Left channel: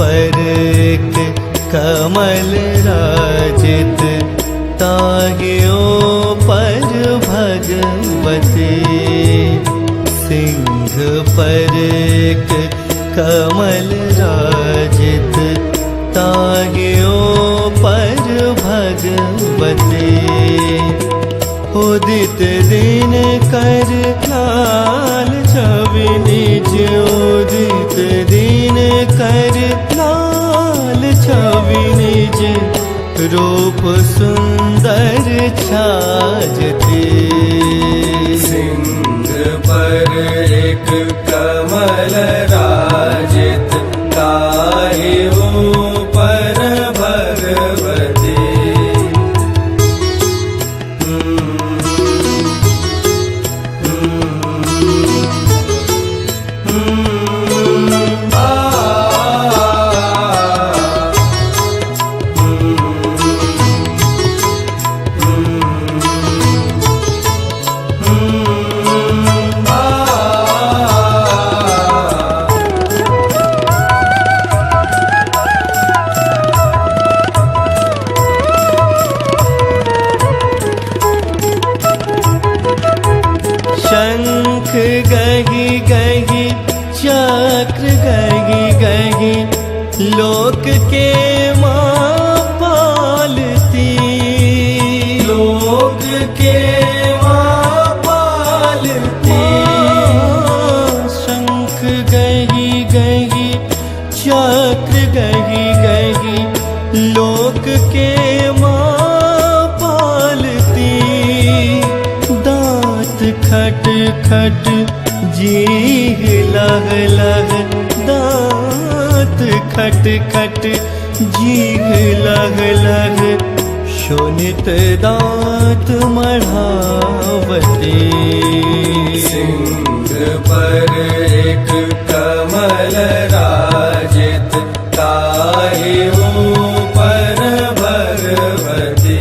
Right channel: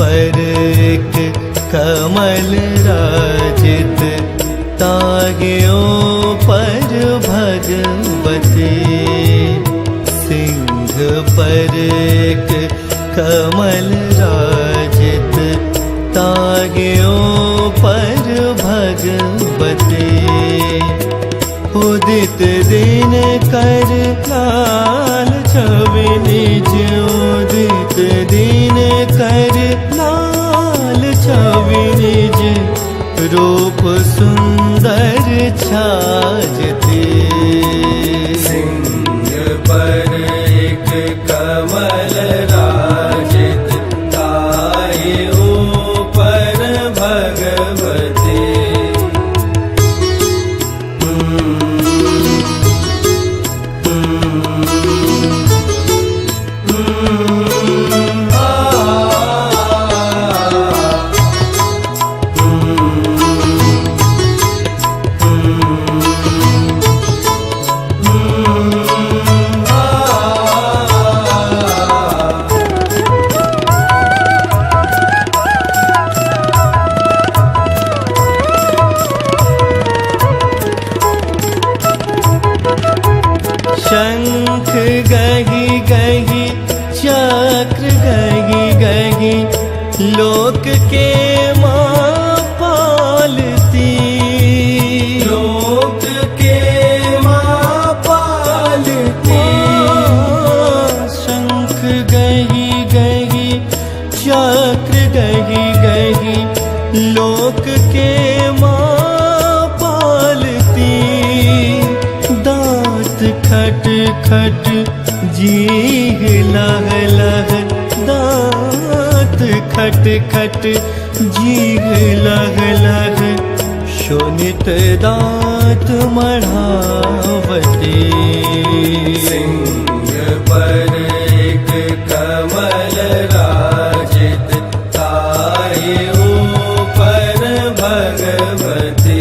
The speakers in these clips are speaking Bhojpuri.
पर एक कमल राजित, ताग्यो पर भगवती। सिंह पर एक कमल राजित, ताग्यो पर भगवती। उदित दिन कर लाल छवि निज, उदित दिन कर लाल छवि निज, रूप सुंदर छाजती। सिंह पर एक कमल राजित, ताग्यो पर भगवती। शंख गही गही, चक्र गही गही, लोक के माँ पालती। लोक के माँ पालती। शंख गही गही, चक्र गही गही, लोक के माँ पालती। दांत खट खट, जीह लह लह, दांत खट खट, जीह लह लह, शोणित दांत मढ़ावती। सिंह पर एक कमल राजित, ताग्यो पर भगवती।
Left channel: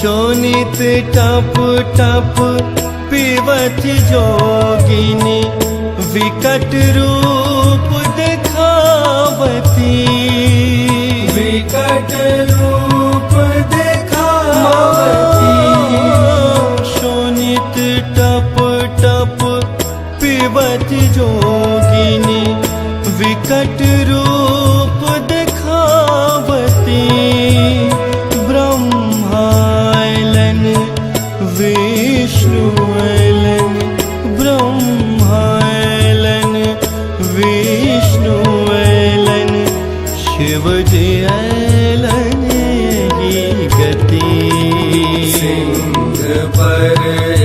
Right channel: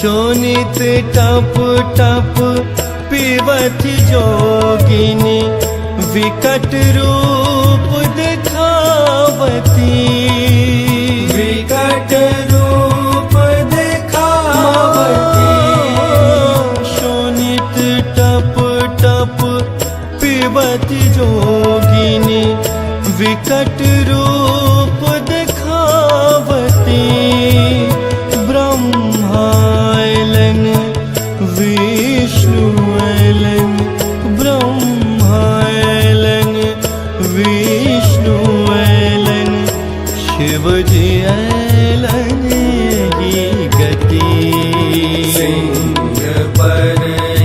शोणित टप टप पीवत जोगिनी, विकट रूप दिखावती। विकट रूप दिखावती। शोणित टप टप पीवत जोगिनी, विकट रूप दिखावती। ब्रह्मायलन विष्णुयलन, ब्रह्मायलन विष्णुयलन, शिवजी अयलन ही गति। सिंह पर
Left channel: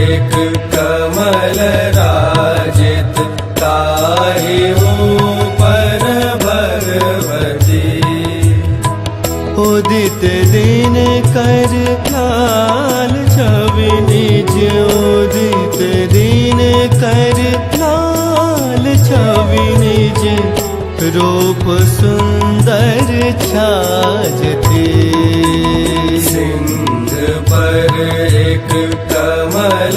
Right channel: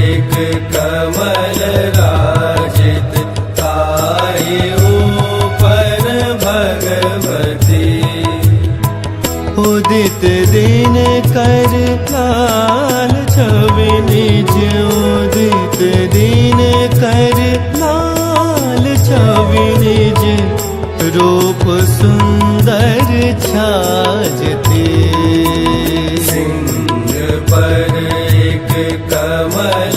एक कमल राजित, ताग्यो पर भगवती। उदित दिन कर लाल छवि निज, उदित दिन कर लाल छवि निज, रूप सुंदर छाजती। सिंह पर एक कमल